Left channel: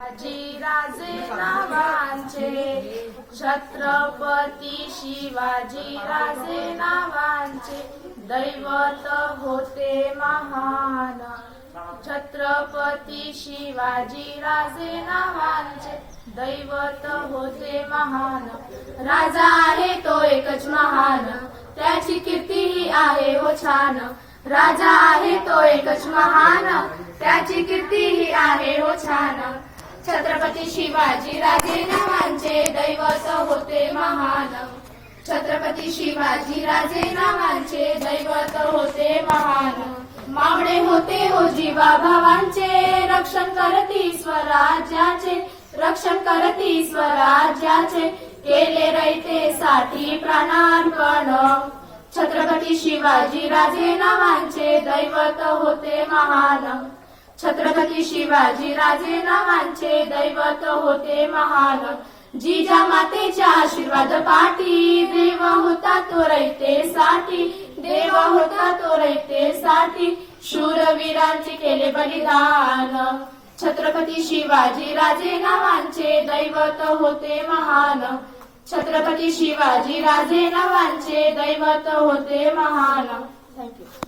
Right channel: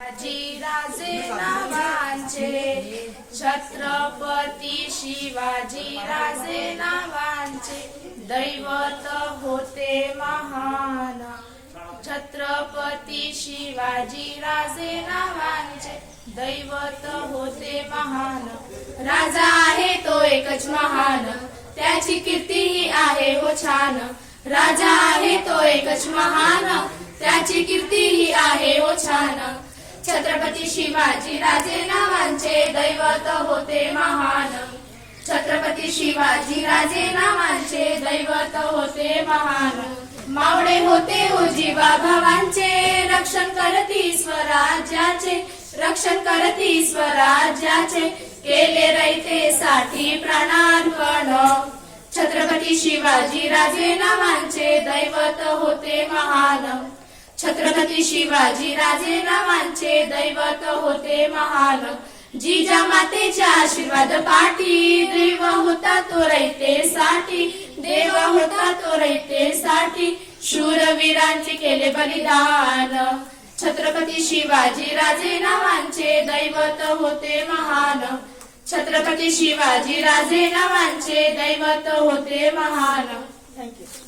शिवाजी राजे नावांचे छत्रपती शिवाजी राजे नावांचे दैवत होते महान. छत्रपती शिवाजी राजे नावांचे दैवत होते महान. राजा आहे तो एकच महान त्याची कीर्ती ही आहे हो छान. राजा आहे तो एकच महान त्याची कीर्ती ही आहे हो छान. छत्रपती शिवाजी राजे नावांचे दैवत होते महान. छत्रपती शिवाजी राजे नावांचे दैवत होते महान. मावळे होते हो ओजीवा भावांचे रक्षण करती स्वराज्याचे रक्षण करती स्वराज्याचे केले रयतेसाठी प्राणार्पण. छत्रपती शिवाजी राजे नावांचे दैवत होते महान. छत्रपती शिवाजी राजे नावांचे दैवत होते महान. जिजा मातेच्या आशीर्वाद पाठी देव होता तो रयतेसाठी देव होता तो रयतेसाठी शूरवीरांचे केले बलिदान. छत्रपती शिवाजी राजे नावांचे दैवत होते महान. छत्रपती शिवाजी राजे नावांचे दैवत होते महान. थँक्यू